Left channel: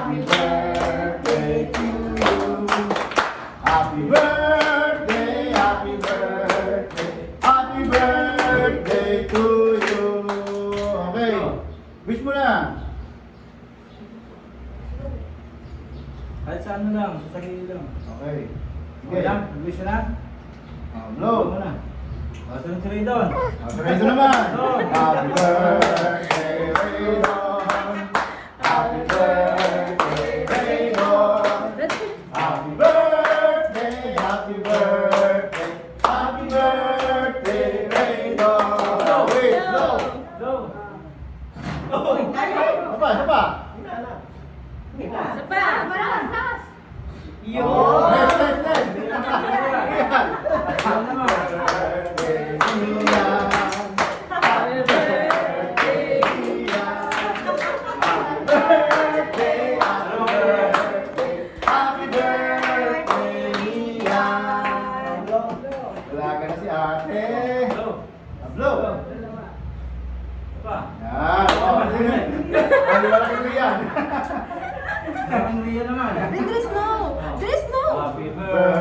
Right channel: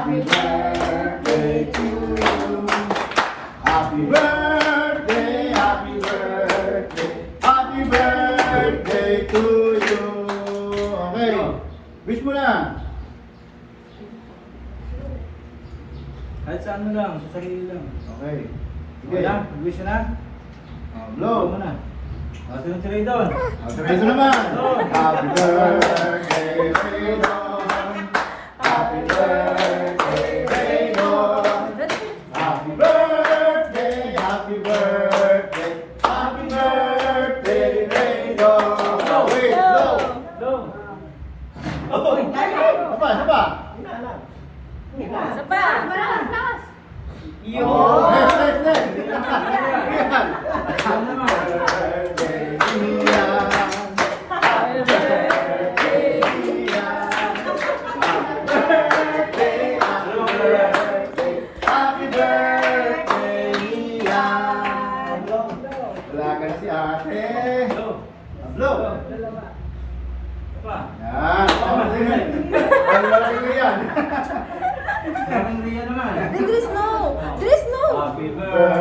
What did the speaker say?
Happy birthday to you. Happy birthday, happy birthday, happy birthday to you. Okay. Wish mo na. Kahit saan mo lang, sa sarili lang. Okay. Okay lang, wish ka na? Blow. Blow mo na. Sunod-sunod doon. Sabihin ko naman. Happy birthday, Raydon. Happy birthday, Raydon. Happy birthday, happy birthday, happy birthday, Raydon. Wait, blow. Blow. Sapa. Iyo! Next. Ano naman? Happy birthday, Ian. Wala ka na si ate. Blow. Pa. Yan. Ang laki mo yan. Sabi mo yan naman. There's no. Happy Birthday